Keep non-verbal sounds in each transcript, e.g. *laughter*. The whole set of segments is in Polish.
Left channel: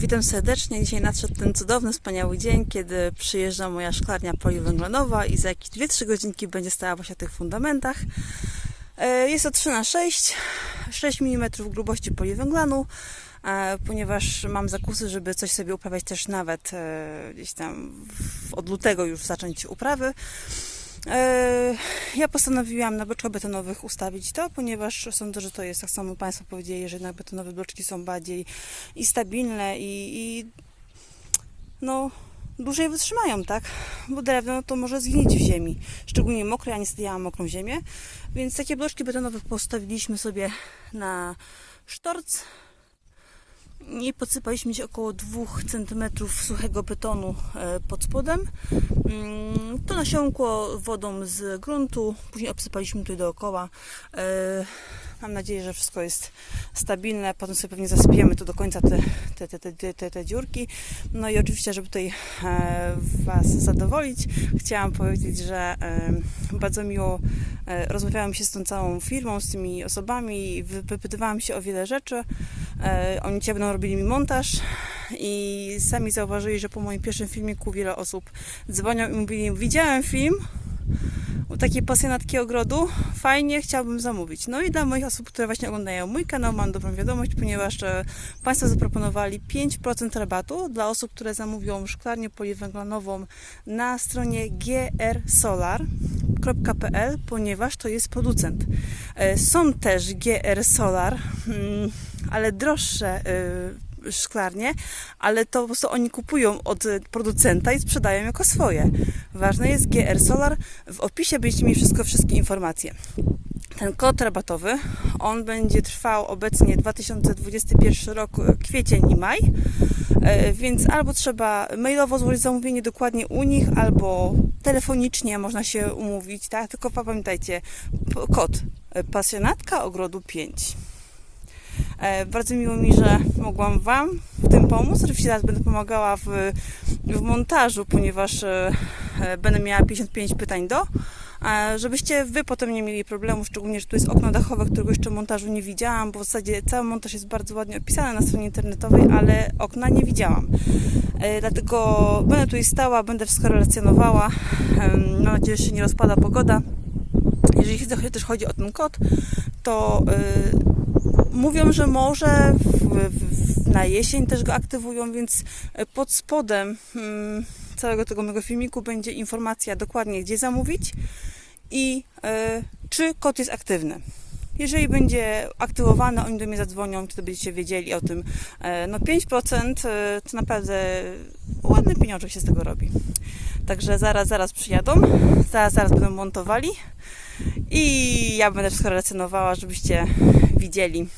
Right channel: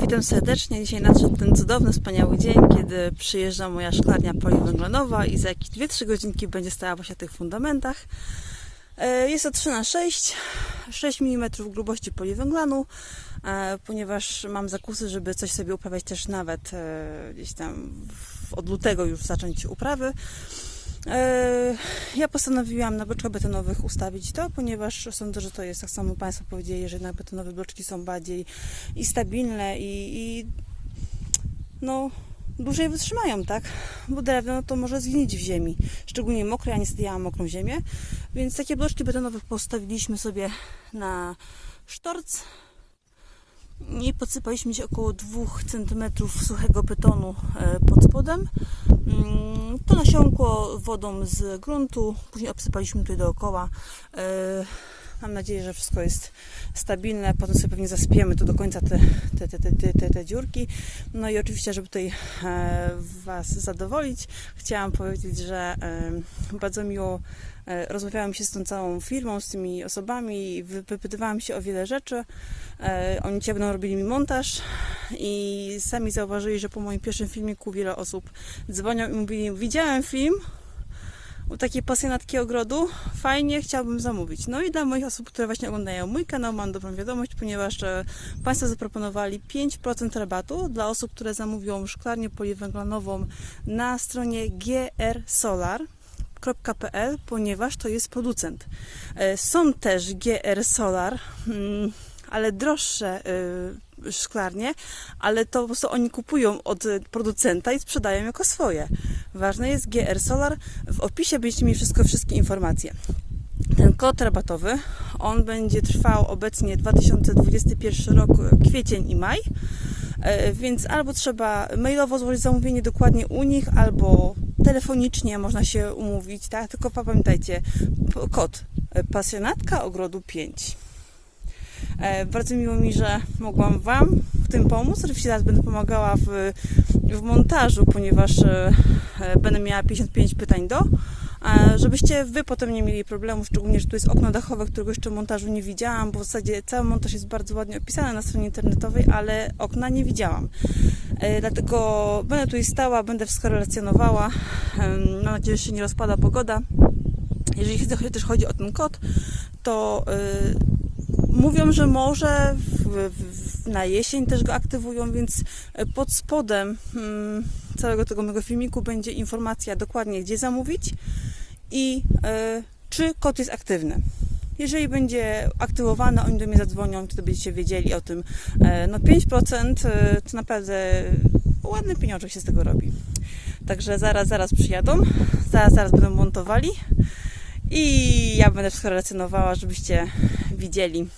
Witam serdecznie. Dzisiaj nadszedł ten cudowny, wspaniały dzień, kiedy przyjeżdża moja szklarnia poliwęglanowa i za jakieś 2-3 godzinki będzie stała właśnie na tych fundamentach. E, Jest to 3 na 6 6 mm grubości poliwęglanu, e, ponieważ mam zakusy, żeby coś sobie uprawiać też nawet e, gdzieś tam od lutego już zacząć uprawy. E, Ja postanowiłam na bloczkach betonowych ustawić to, ponieważ sądzę, że to jest, tak samo Państwo powiedzieli, że jednak betonowe bloczki są bardziej i stabilne i, i no dłużej wytrzymają, tak? Bo drewno no to może zgnić w ziemi, szczególnie mokre, ja niestety ja mam mokrą ziemię, więc takie bloczki betonowe postawiliśmy sobie na sztorc i podsypaliśmy gdzieś około 2 cm suchego betonu e, pod spodem. Mm, To nasiąkło wodą z gruntu, później obsypaliśmy tutaj dookoła. Mam nadzieję, że wszystko jest stabilne. Potem sobie pewnie zasypiemy to do końca te, te, te, te, te, te, dziurki. No i oczywiście, żeby tutaj e, Was zadowolić, chciałam powiedzieć, że e, bardzo miło e, rozmawiałam się z tą całą firmą, z tymi osobami, wy- wypytywałam się o wiele rzeczy. Oni dzisiaj będą robili mi montaż i sami zauważyli, że po moim pierwszym filmiku wiele osób dzwonią i mówili, widziałem film u takiej pasjonatki ogrodu, fajnie, chciałbym zamówić. No i dla moich osób, które właśnie oglądają mój kanał, mam dobrą wiadomość, ponieważ e, Państwo zaproponowali 5% rabatu dla osób, które zamówią szklarnię poliwęglanową na stronie grsolar.pl, ponieważ to jest producent. E, Są też GR Solar, mm, ale droższe y, szklarnie, ale to po prostu oni kupują od producenta i sprzedają jako swoje. Ważne jest GR Solar. W opisie będziecie mieli wszystko, wszystkie informacje. Ten kod rabatowy, on będzie trwał obecnie 2021 rok, y, kwiecień i maj, E, więc albo trzeba mailowo złożyć zamówienie dokładnie u nich, albo telefonicznie można się umówić, tak? Tylko pamiętajcie, kod e, pasjonatka ogrodu 5. E, Bardzo miło mi, że mogłam Wam w tym pomóc. Oczywiście teraz będę pomagała w, w montażu, ponieważ e, e, będę miała 55 pytań do, żebyście Wy potem nie mieli problemu, szczególnie, że tu jest okno dachowe, którego jeszcze montażu nie widziałam, bo w zasadzie cały montaż jest bardzo ładnie opisany na stronie internetowej, ale okna nie widziałam. Dlatego będę tutaj stała, będę wszystko relacjonowała. Mam nadzieję, że się nie rozpada pogoda. Jeżeli też chodzi o ten kod, to y, mówią, że może w, w, na jesień też go aktywują, więc y, pod spodem mm, całego tego mojego filmiku będzie informacja dokładnie, gdzie zamówić i y, czy kod jest aktywny. Jeżeli będzie aktywowany, oni do mnie zadzwonią, wtedy będziecie wiedzieli o tym. E, No 5% y, to naprawdę ładny pieniążek się z tego robi. Także zaraz, zaraz przyjadą, zaraz, zaraz będą montowali i ja będę wszystko relacjonowała, żebyście widzieli.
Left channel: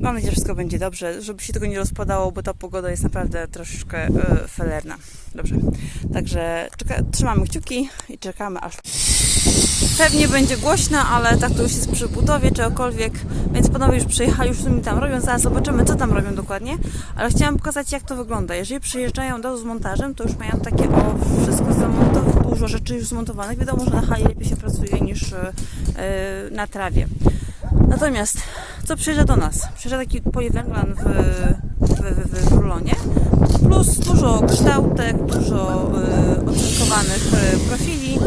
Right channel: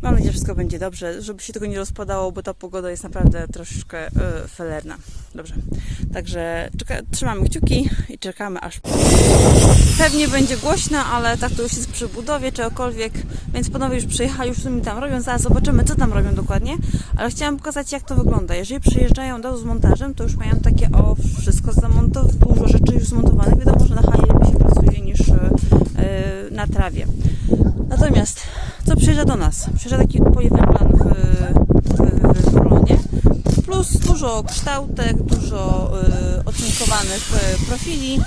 Mam nadzieję, że wszystko będzie dobrze, żeby się tego nie rozpadało, bo ta pogoda jest naprawdę troszeczkę e, felerna. Dobrze, także czeka, trzymamy kciuki i czekamy aż. Pewnie będzie głośno, ale tak to już jest przy budowie czegokolwiek, więc panowie już przyjechali, już mi tam robią, zaraz zobaczymy co tam robią dokładnie, ale chciałam pokazać jak to wygląda. Jeżeli przyjeżdżają razu z montażem, to już mają takie o wszystko zamontowane, dużo rzeczy już zmontowanych. Wiadomo, że na hali lepiej się pracuje niż e, na trawie. Natomiast co przyjeżdża do nas? Przyjeżdża taki poliwęglan w, w, w, rulonie, plus dużo kształtek, dużo y, ocynkowanych y, profili.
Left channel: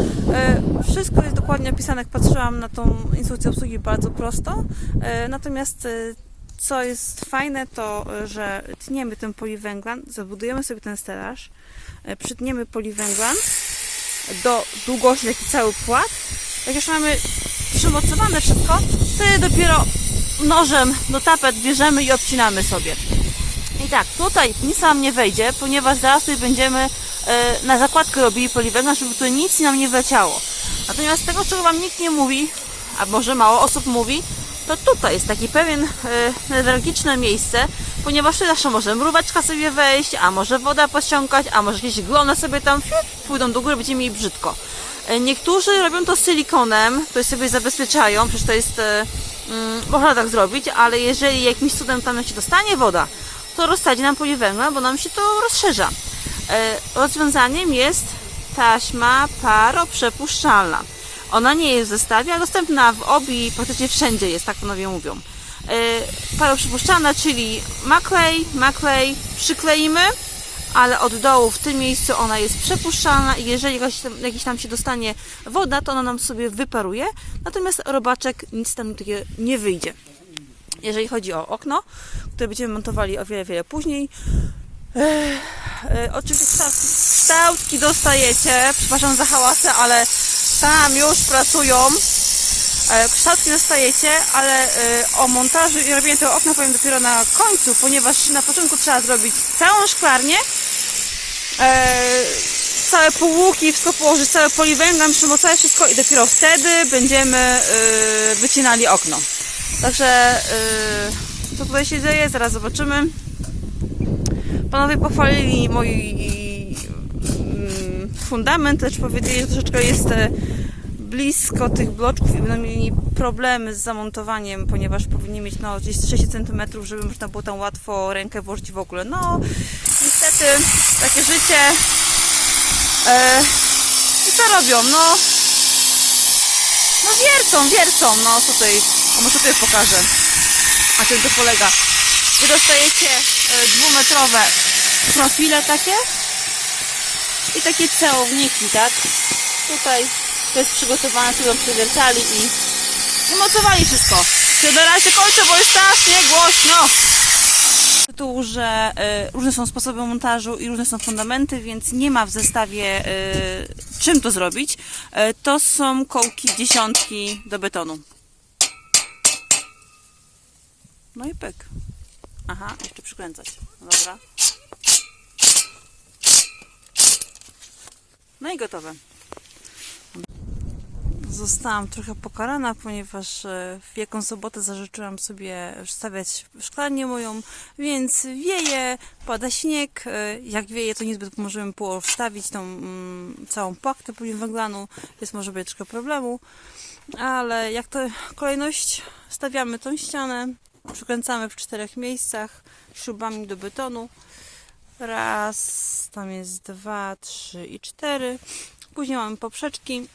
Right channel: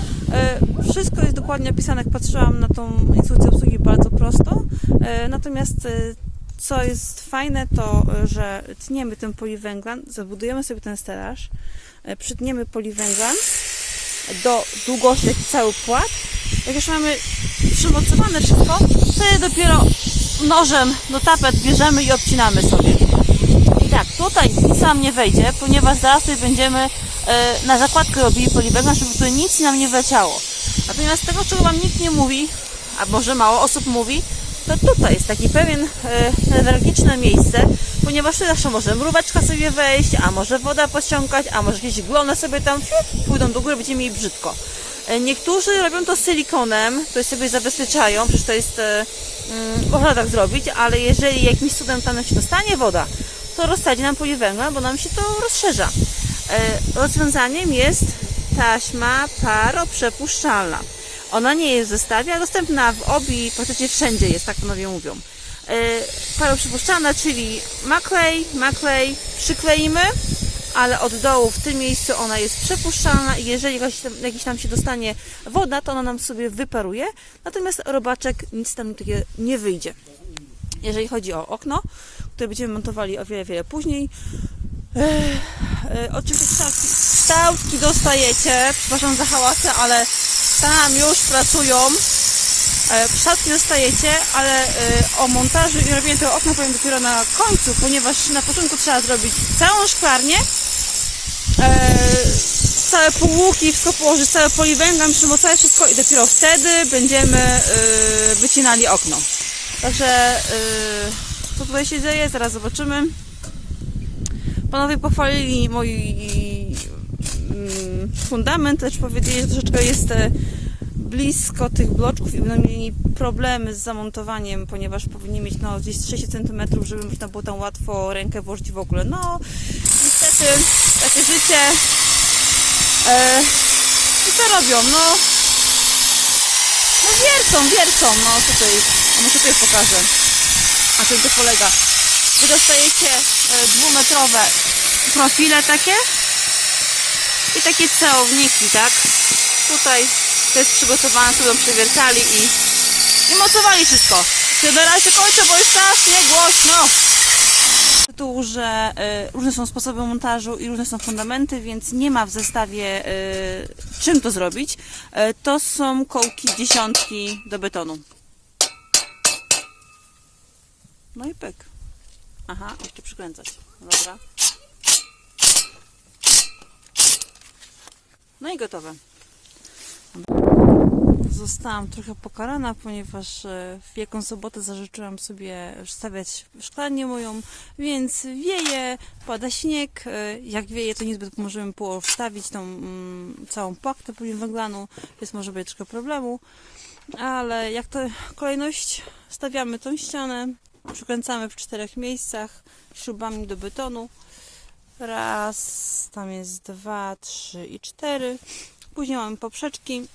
Y, wszystko jest dokładnie opisane, jak patrzyłam na tą instrukcję obsługi bardzo prosto. Y, natomiast y, co jest fajne, to że tniemy ten poliwęglan, zabudujemy sobie ten stelaż, y, przytniemy poliwęglan do długości, cały płat. Jak już mamy przymocowane wszystko, wtedy dopiero nożem do tapet bierzemy i obcinamy sobie. I tak, tutaj nic nam nie wejdzie, ponieważ zaraz tutaj będziemy e, na zakładkę robili poliwęglan, żeby tutaj nic nam nie wleciało. Natomiast tego, czego Wam nikt nie mówi, a może mało osób mówi, to tutaj jest taki pewien e, newralgiczne miejsce, ponieważ zawsze może mróweczka sobie wejść, a może woda posiąkać, a może jakieś glony sobie tam pójdą do góry, będziemy mieli brzydko. E, Niektórzy robią to silikonem, to sobie zabezpieczają, przecież to jest, mm, można tak zrobić, ale jeżeli jakimś cudem tam się dostanie woda, to rozsadzi nam poliwęglan, bo nam się to rozszerza. E, rozwiązaniem jest taśma paroprzepuszczalna. Ona nie jest w zestawie, ale dostępna w obi, praktycznie wszędzie jest, tak panowie mówią. Yy, paroprzypuszczalna, czyli maklej, maklej przykleimy, ale od dołu w tym miejscu ona jest przepuszczalna i jeżeli jakaś tam, jakiś tam się dostanie woda, to ona nam sobie wyparuje, natomiast robaczek nic tam nie wyjdzie. Jeżeli chodzi o okno, które będziemy montowali o wiele, wiele później, E, oczywiście kształtki, kształtki dostajecie. Przepraszam za hałasy, ale tam już pracują. E, kształtki dostajecie, ale e, o montażu i robieniu tego okna powiem dopiero na końcu, ponieważ na początku trzeba zrobić całą szklarnię, e, całe półłuki, wszystko położyć, całe poliwęglan, przymocować wszystko i dopiero wtedy będziemy wycinali okno. Także co tutaj się dzieje, zaraz zobaczymy. Panowie pochwalili mój mm, fundament, też powiedzieli, że troszeczkę jest blisko tych bloczków i będą mieli problemy z zamontowaniem, ponieważ powinni mieć no, gdzieś 6 cm, żeby można było tam łatwo rękę włożyć w ogóle. No, niestety, takie życie. E, I co robią? No, no wiercą, wiercą. No tutaj, a może tutaj pokażę. A czym to polega? Wy dostajecie e, dwumetrowe profile takie i takie celowniki, tak? Tutaj to jest przygotowane, tu ją przewiercali i, i mocowali wszystko. Ja na razie kończę, bo jest strasznie głośno. Tu, że y, różne są sposoby montażu i różne są fundamenty, więc nie ma w zestawie y, czym to zrobić. Y, to są kołki dziesiątki do betonu. No i pyk. Aha, jeszcze przykręcać. Dobra. No i gotowe. Zostałam trochę pokarana, ponieważ e, w Wielką Sobotę zażyczyłam sobie stawiać szklarnię moją, więc wieje, pada śnieg. E, Jak wieje, to niezbyt możemy było wstawić tą mm, całą płachtę poliwęglanu, więc może być troszkę problemu. Ale jak to kolejność, stawiamy tą ścianę, przykręcamy w czterech miejscach śrubami do betonu. Raz, tam jest dwa, trzy i cztery. Później mamy poprzeczki.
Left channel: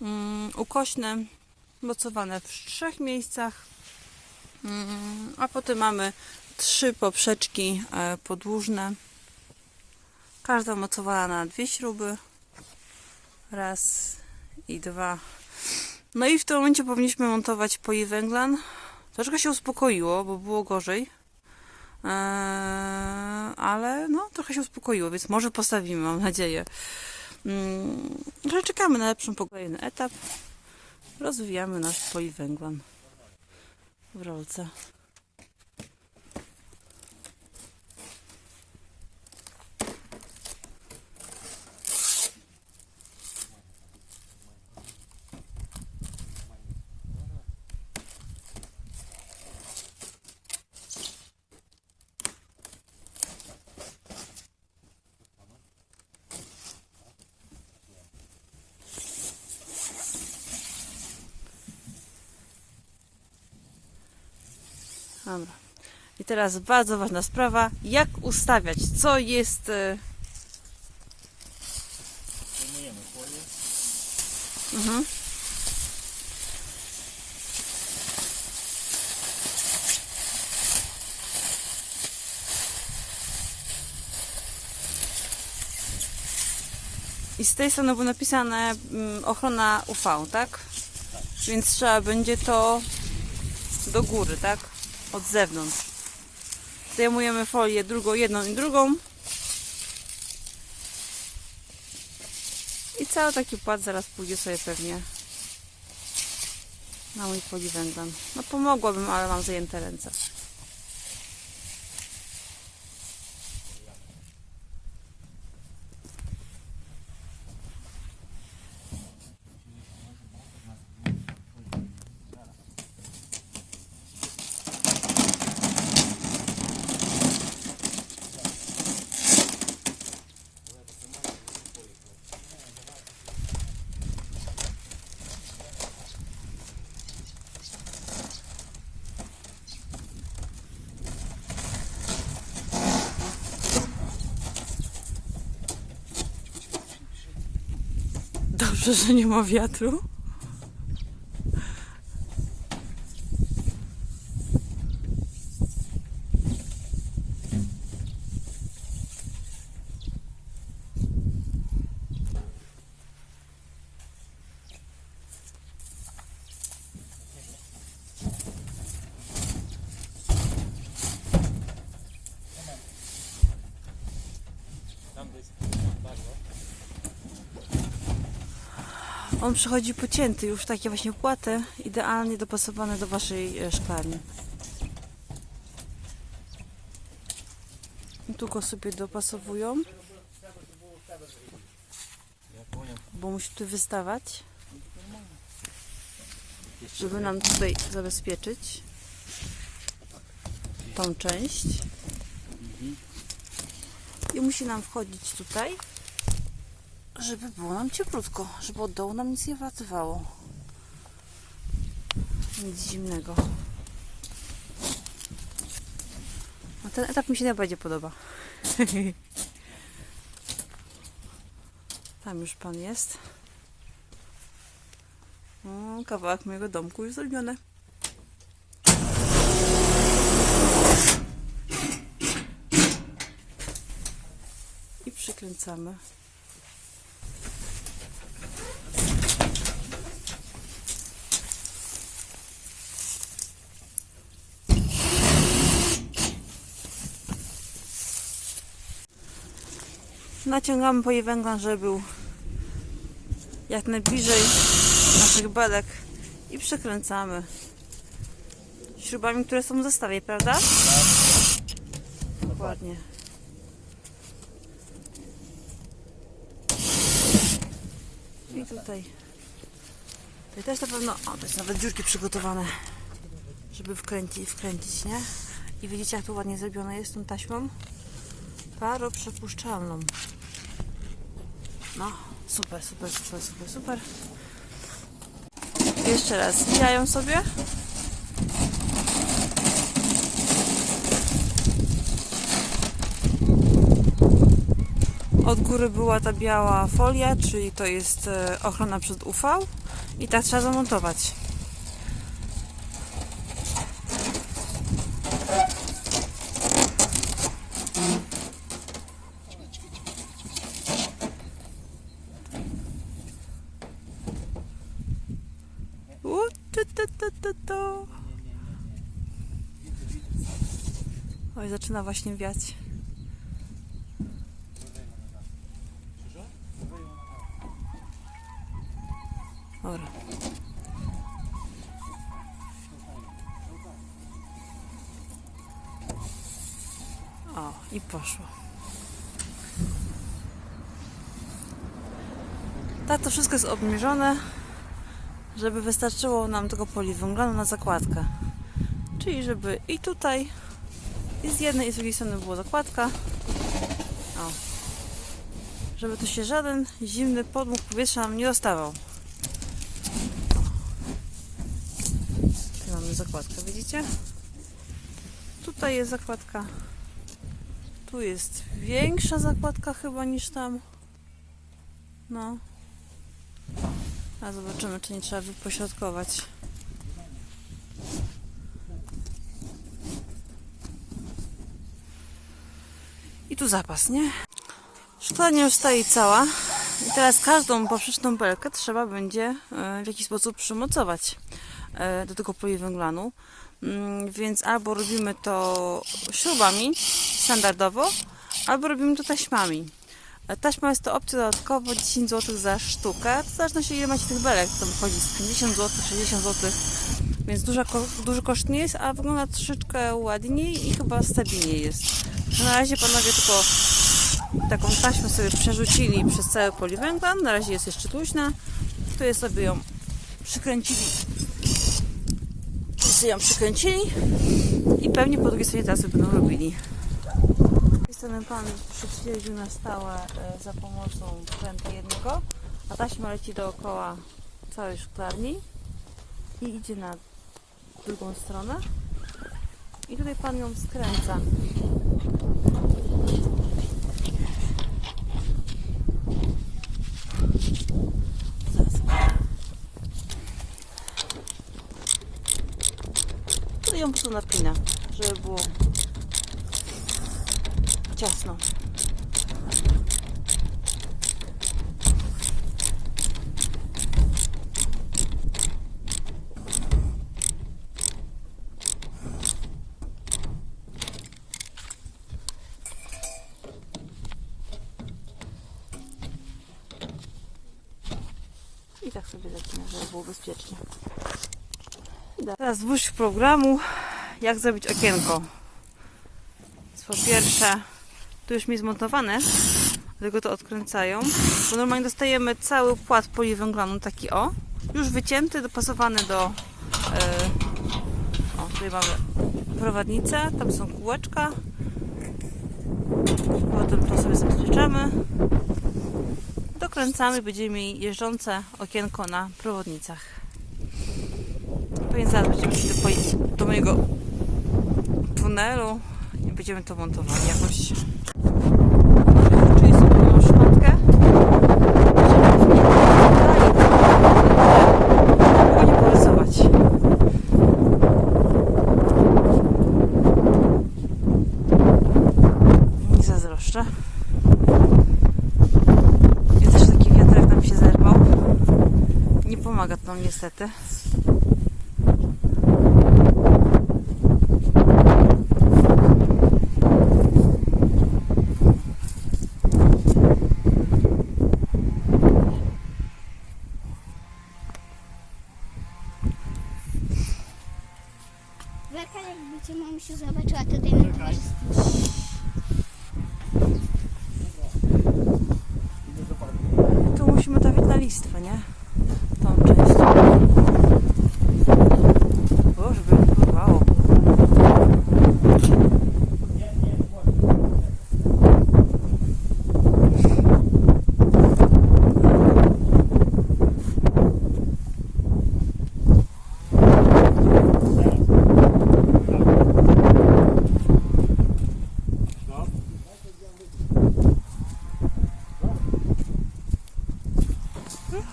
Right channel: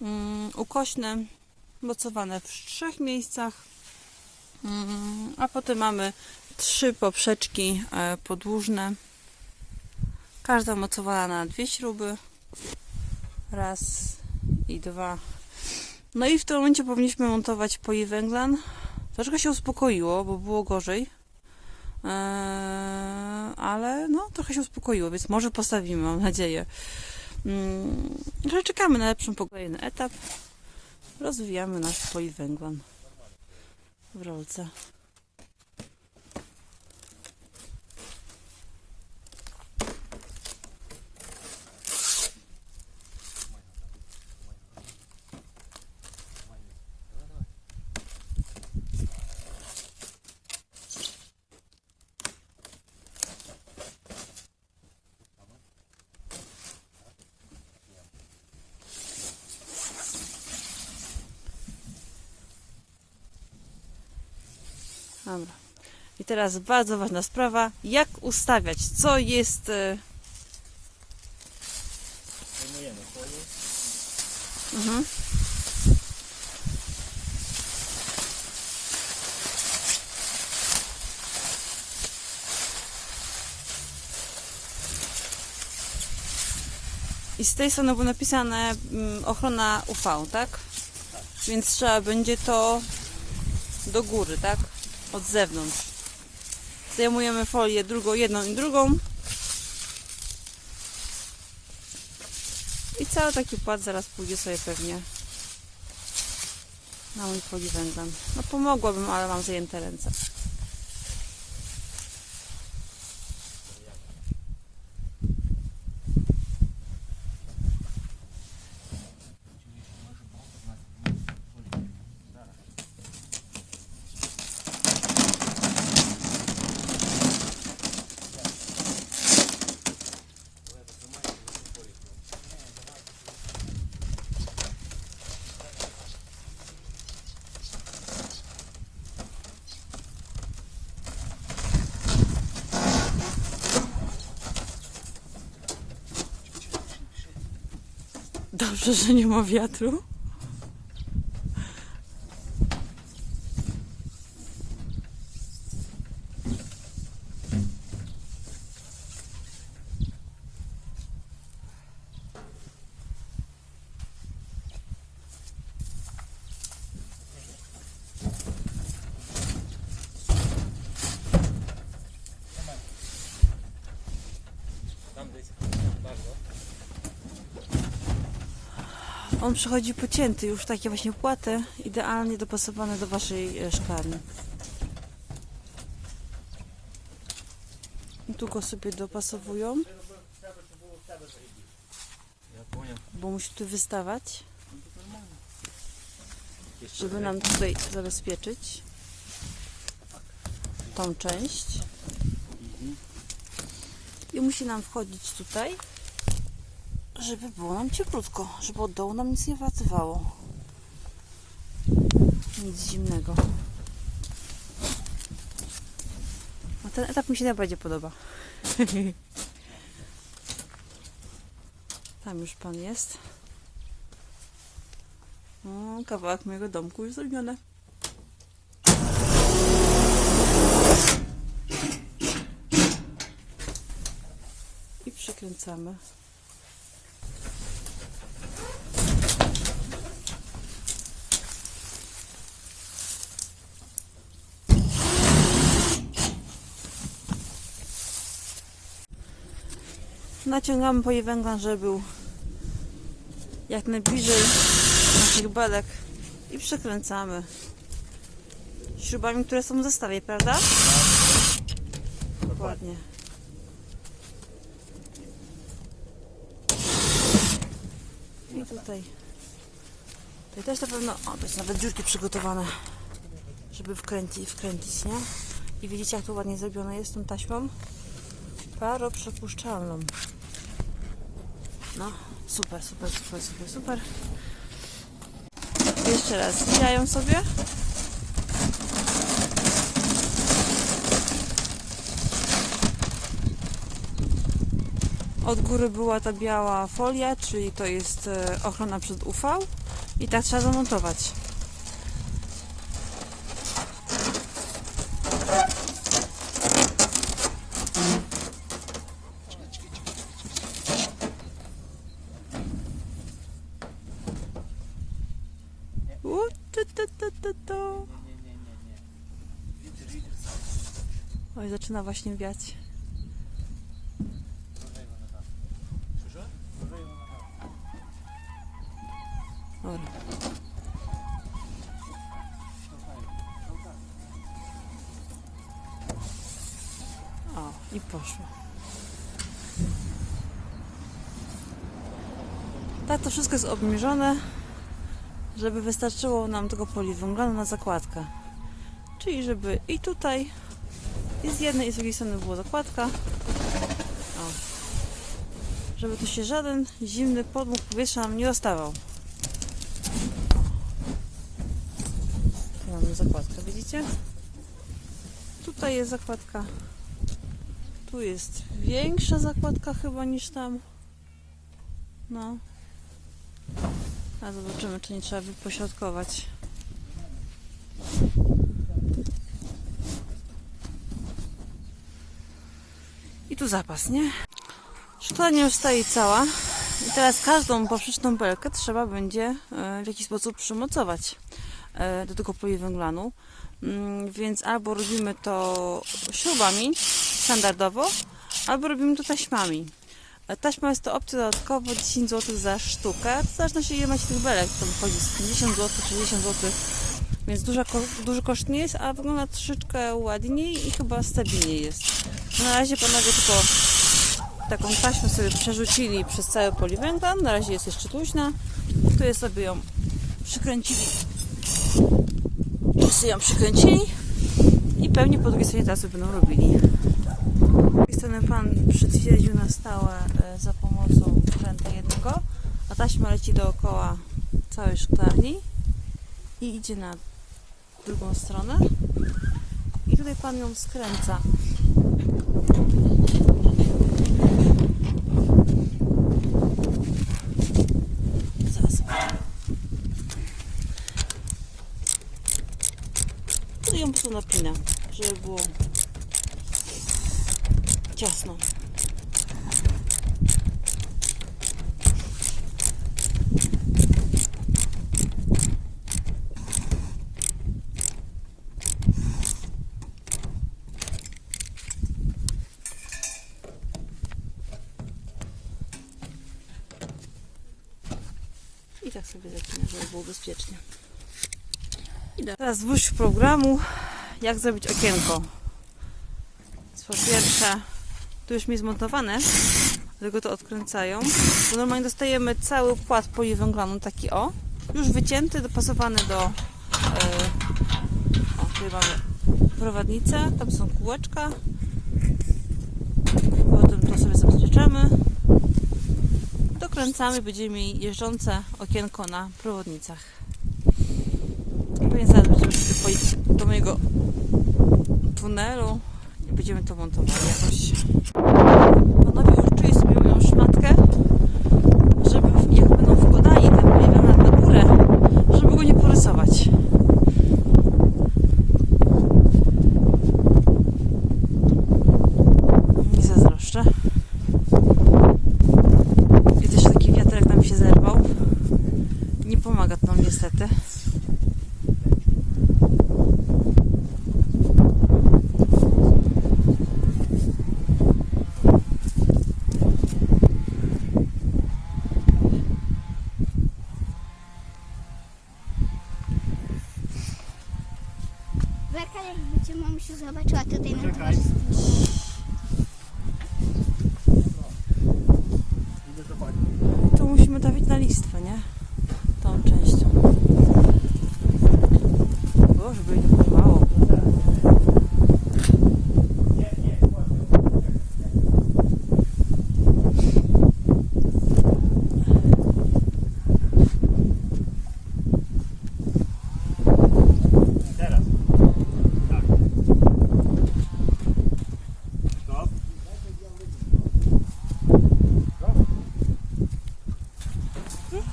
Mm, ukośne, mocowane w trzech miejscach. Mm, a potem mamy trzy poprzeczki e, podłużne. Każda mocowana na dwie śruby. Raz i dwa. No i w tym momencie powinniśmy montować poliwęglan. Troszkę się uspokoiło, bo było gorzej. Eee, ale no, trochę się uspokoiło, więc może postawimy, mam nadzieję. Mm, czekamy na lepszą kolejny etap. Rozwijamy nasz poliwęglan w rolce. Dobra. I teraz bardzo ważna sprawa, jak ustawiać, co jest... e, Mhm. I z tej strony było napisane mm, ochrona UV, tak? Więc trzeba będzie to do góry, tak? Od zewnątrz. Zdejmujemy folię drugą, jedną i drugą. I cały taki płat zaraz pójdzie sobie pewnie na mój poliwęglan. No pomogłabym, ale mam zajęte ręce. Dobrze, że nie ma wiatru. On przychodzi pocięty, już takie właśnie płaty, idealnie dopasowane do waszej e, szklarni. I tu go sobie dopasowują, bo musi tu wystawać, żeby nam tutaj zabezpieczyć tą część. I musi nam wchodzić tutaj, żeby było nam cieplutko, żeby od dołu nam nic nie wlatywało. Nic zimnego. No ten etap mi się najbardziej podoba. *laughs* Tam już pan jest. O, kawałek mojego domku już zrobiony. I przykręcamy. Naciągamy po jej węgla, żeby był jak najbliżej naszych belek i przekręcamy śrubami, które są w zestawie, prawda? Dokładnie. I tutaj. Tutaj też na pewno, o, to jest nawet dziurki przygotowane, żeby wkręcić, wkręcić, nie? I widzicie, jak to ładnie zrobione jest tą taśmą? Paroprzepuszczalną. No, super, super, super, super, super. Jeszcze raz, zwijają sobie. Od góry była ta biała folia, czyli to jest e, ochrona przed UV i tak trzeba zamontować. U, tu, tu, tu, tu, tu. Oj, zaczyna właśnie wiać. Dobra. O, i poszło. Tak, to wszystko jest obniżone, żeby wystarczyło nam tego poliwęglanu na zakładkę. Czyli żeby i tutaj, i z jednej i z drugiej strony była zakładka. O. Żeby tu się żaden zimny podmuch powietrza nam nie dostawał. Tu mamy zakładkę, widzicie? Tutaj jest zakładka. Tu jest większa zakładka chyba niż tam. No. A zobaczymy, czy nie trzeba wypośrodkować. I tu zapas, nie? Szklarnia już stoi cała. I teraz każdą poprzeczną belkę trzeba będzie e, w jakiś sposób przymocować e, do tego poliwęglanu. Mm, Więc albo robimy to śrubami standardowo, albo robimy to taśmami. E, Taśma jest to opcja dodatkowo 10 zł za sztukę. W zależności ile macie tych belek, to wychodzi z 50 zł, 60 zł. Więc duży koszt nie jest, a wygląda troszeczkę ładniej i chyba stabilniej jest. Na razie panowie tylko taką taśmę sobie przerzucili przez cały poliwęglan. Na razie jest jeszcze luźna. Tu jest sobie ją przykręcili. Wszyscy ją przykręcili i pewnie po drugiej stronie teraz będą robili. Z drugiej strony pan przytwierdził na stałe e, za pomocą kręta jednego, a taśma leci dookoła całej szklarni i idzie na drugą stronę. I tutaj pan ją skręca. Zaraz. Tutaj ją po prostu napina, żeby było ciasno. I tak sobie zapinę, żeby było bezpiecznie. Idę. Teraz dwóch programu, jak zrobić okienko. Po pierwsze, tu już mi zmontowane, tylko to odkręcają, bo normalnie dostajemy cały płat poliwęglanu, taki o, już wycięty, dopasowany do... e, o, tutaj mamy prowadnicę, tam są kółeczka. Potem to sobie zabezpieczamy. Dokręcamy, będziemy mieli jeżdżące okienko na prowodnicach. I pewnie zaraz będziemy szli do, do mojego tunelu i będziemy to montowali jakoś.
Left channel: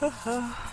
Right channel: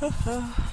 Ha *laughs* ha.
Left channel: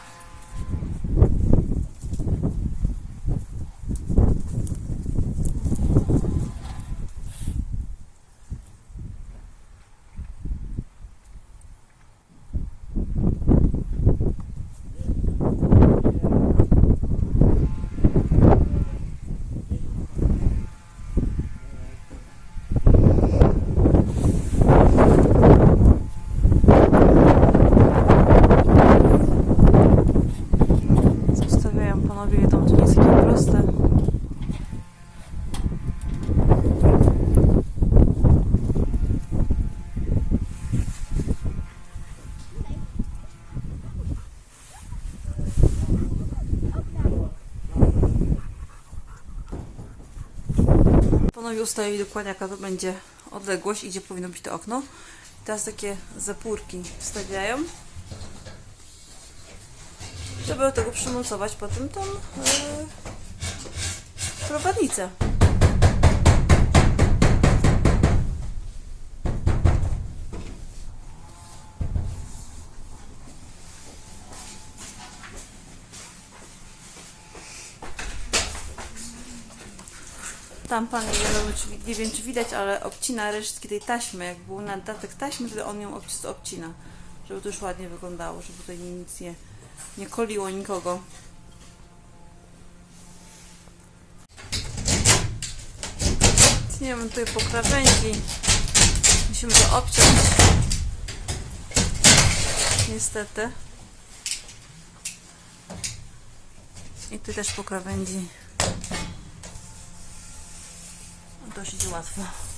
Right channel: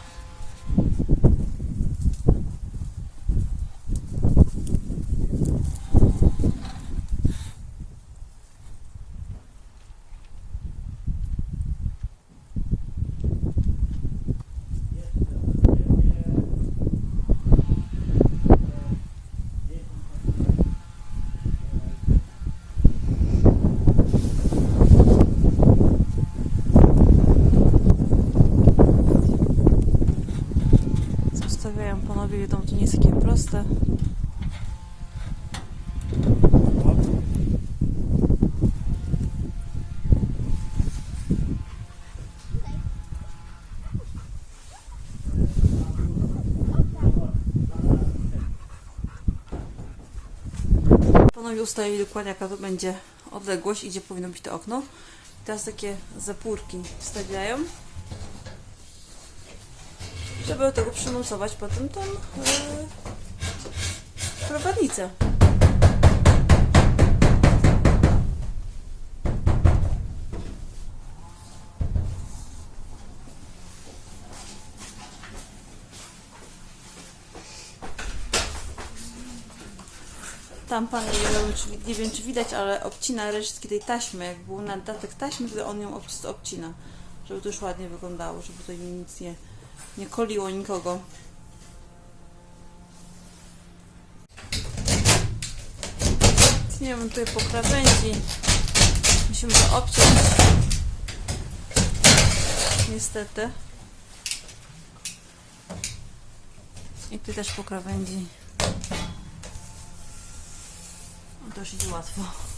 Panowie ustalili dokładnie jaka to będzie odległość i gdzie powinno być to okno. I teraz takie zapórki wstawiają żeby do tego przymocować potem tą yy, prowadnicę. Tam pan, czy, nie wiem czy widać, ale obcina resztki tej taśmy. Jak był nadatek taśmy, wtedy on ją obc- obcina, żeby to już ładnie wyglądało, żeby tutaj nic nie, nie koliło nikogo. Nie wiem, tutaj po krawędzi. Musimy to obciąć. Niestety. I tu też po krawędzi. Dość łatwo.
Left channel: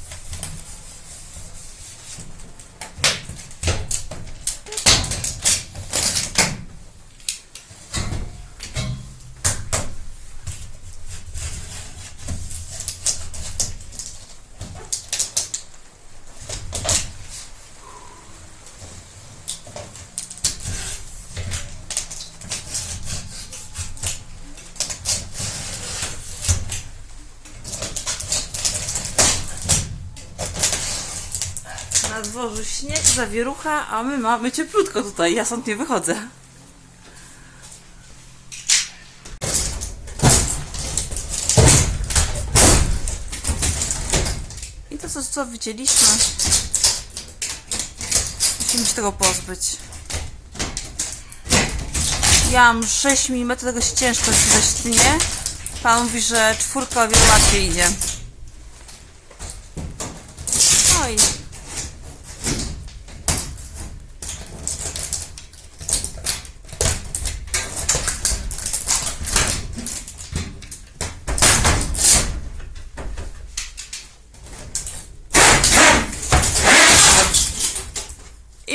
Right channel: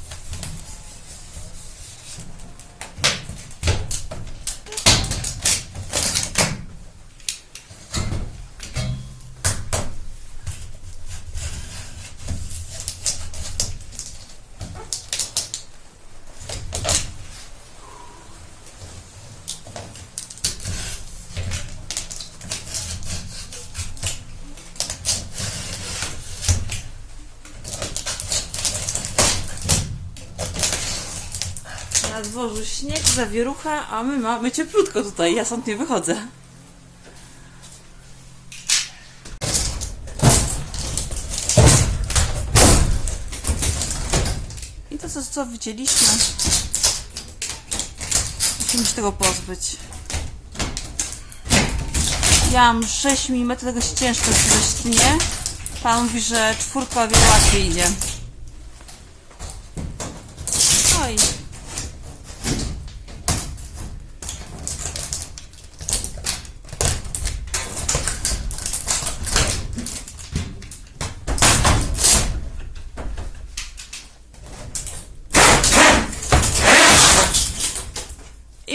Dworzu śnieg, zawierucha, a my mamy cieplutko tutaj. Ja stąd nie wychodzę. I to, co, wycięliśmy, musimy się tego pozbyć. Ja mam 6 mm, tego się ciężko się. Pan mówi, że czwórka o wiele łatwiej idzie. Oj.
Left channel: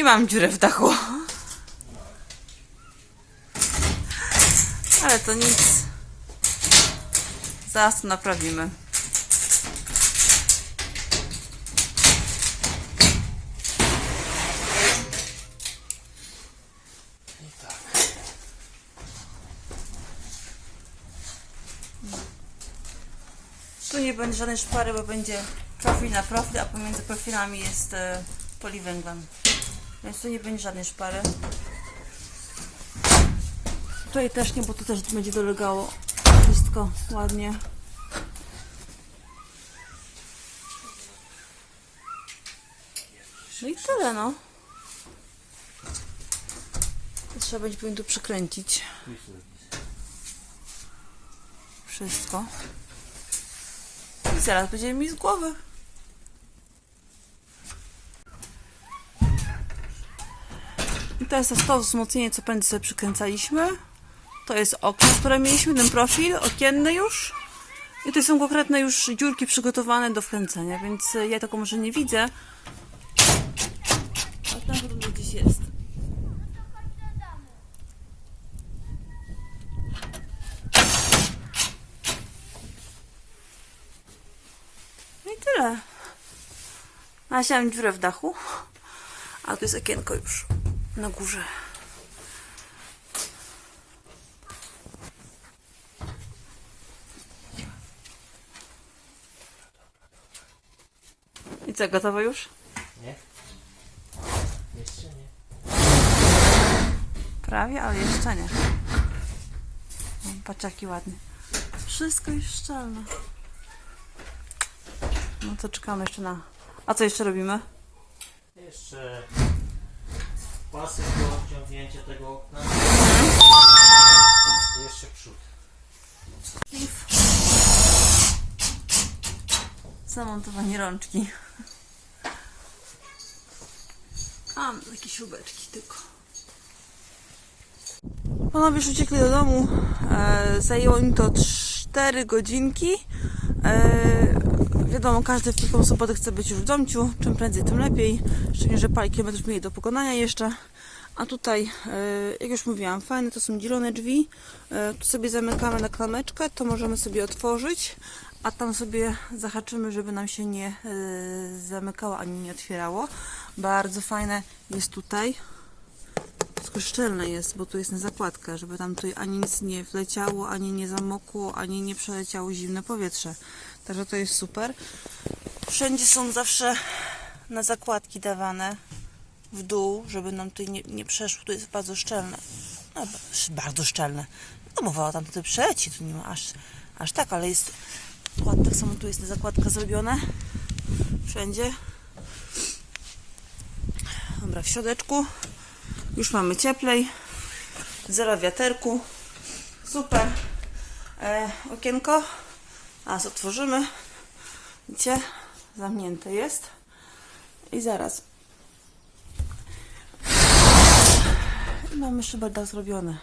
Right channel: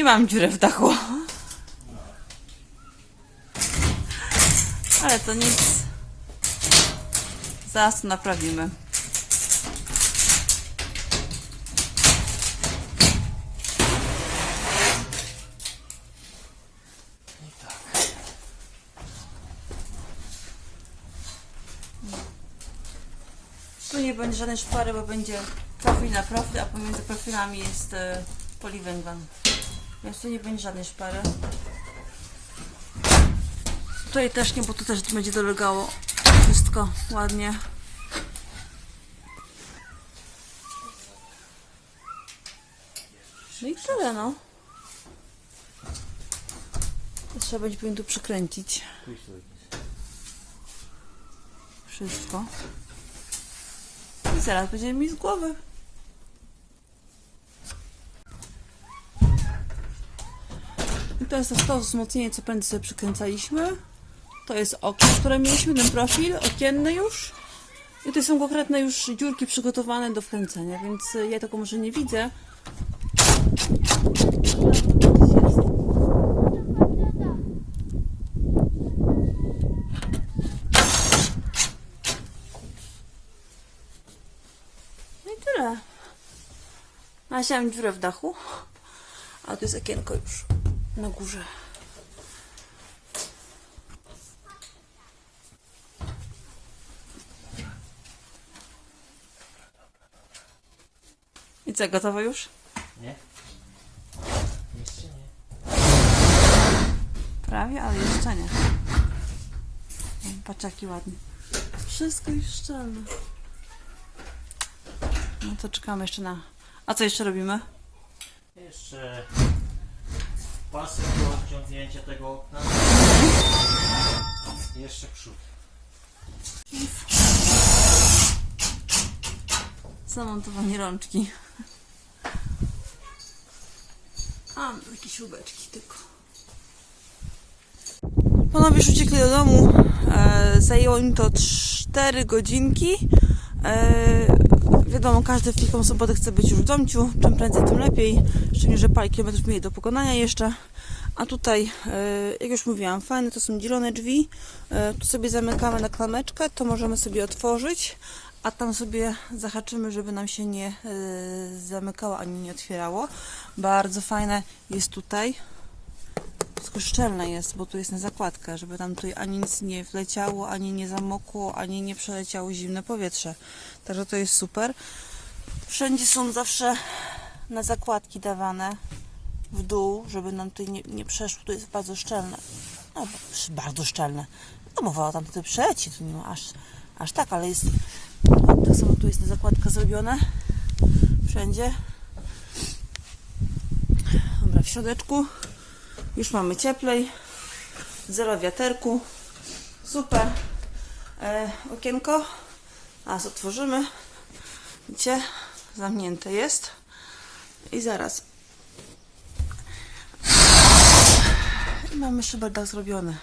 Mam dziurę w dachu. Ale to nic. Zaraz to naprawimy. Tu nie będzie żadnej szpary, bo będzie profil na profil, a pomiędzy profilami jest e, poliwęglan. Więc tu nie będzie żadnej szpary. Tutaj też nie, bo tu też będzie dolegało wszystko ładnie. No i tyle no. Trzeba będzie powinien tu przykręcić wszystko. I zaraz będzie mi z głowy. I to jest to wzmocnienie, co pędy sobie przykręcaliśmy. To jest okno, które mieliśmy, ten profil okienny już. I to są konkretne już dziurki przygotowane do wkręcenia, więc ja tego może nie widzę. No i tyle. Nasiałam dziurę w dachu, a tu jest okienko już na górze. I co, gotowe już? Nie? Jeszcze nie. Prawie, ale jeszcze nie. Patrz jaki ładnie. Wszystko jest szczelne. No to czekamy jeszcze na... A co jeszcze robimy? Jeszcze pasy do odciągnięcia tego okna. Jeszcze przód. Zamontowanie rączki. A, mam takie śrubeczki tylko. Panowie już uciekli do domu. E, zajęło im to 4 godzinki. E, wiadomo, każdy w Wielką Sobotę chce być już w domciu. Czym prędzej, tym lepiej. Szczególnie, że parę kilometrów mieli do pokonania jeszcze. A tutaj, e, jak już mówiłam, fajne to są dzielone drzwi. E, tu sobie zamykamy na klameczkę, to możemy sobie otworzyć, a tam sobie zahaczymy, żeby nam się nie e, zamykało ani nie otwierało. Bardzo fajne jest tutaj. Tylko szczelne jest, bo tu jest na zakładkę, żeby tam tutaj ani nic nie wleciało, ani nie zamokło, ani nie przeleciało zimne powietrze. Także to jest super. Wszędzie są zawsze na zakładki dawane w dół, żeby nam tutaj nie, nie przeszło. Tu jest bardzo szczelne. No, bardzo szczelne. No mowa o tam tutaj przeci, tu nie ma aż, aż tak, ale jest. Tak samo tu jest zakładka zrobione. Wszędzie. Dobra, w środeczku. Już mamy cieplej. Zero wiaterku. Super. E, okienko. A, otworzymy. Widzicie? Zamknięte jest. I zaraz. I mamy szyberdach zrobiony.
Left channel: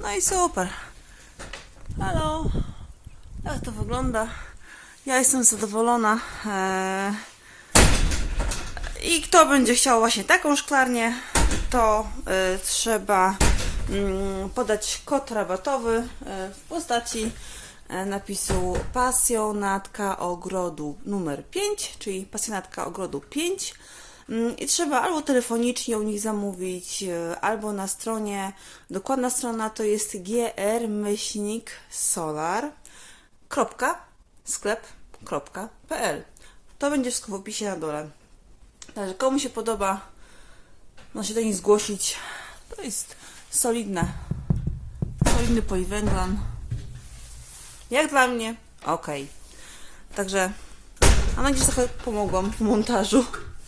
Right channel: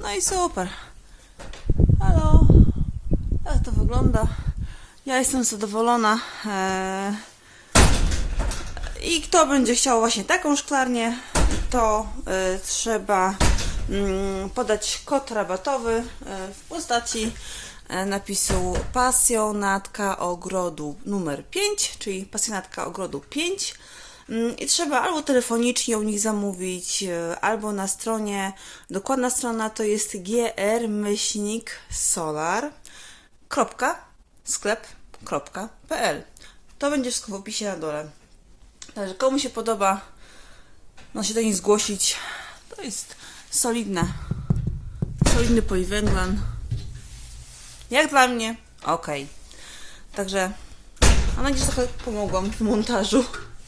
No i super. Halo. Jak to wygląda? Ja jestem zadowolona. E, i kto będzie chciał właśnie taką szklarnię, to y, trzeba mm, podać kod rabatowy y, w postaci napisu pasjonatka ogrodu numer 5, czyli pasjonatka ogrodu 5. Mm, I trzeba albo telefonicznie u nich zamówić, y, albo na stronie, dokładna strona to jest gr-solar.sklep.pl. To będzie wszystko w opisie na dole. Także komu się podoba, no się do nich zgłosić. To jest solidne. Solidny poliwęglan. Jak dla mnie, ok. Także mam nadzieję, że trochę pomogłam w montażu.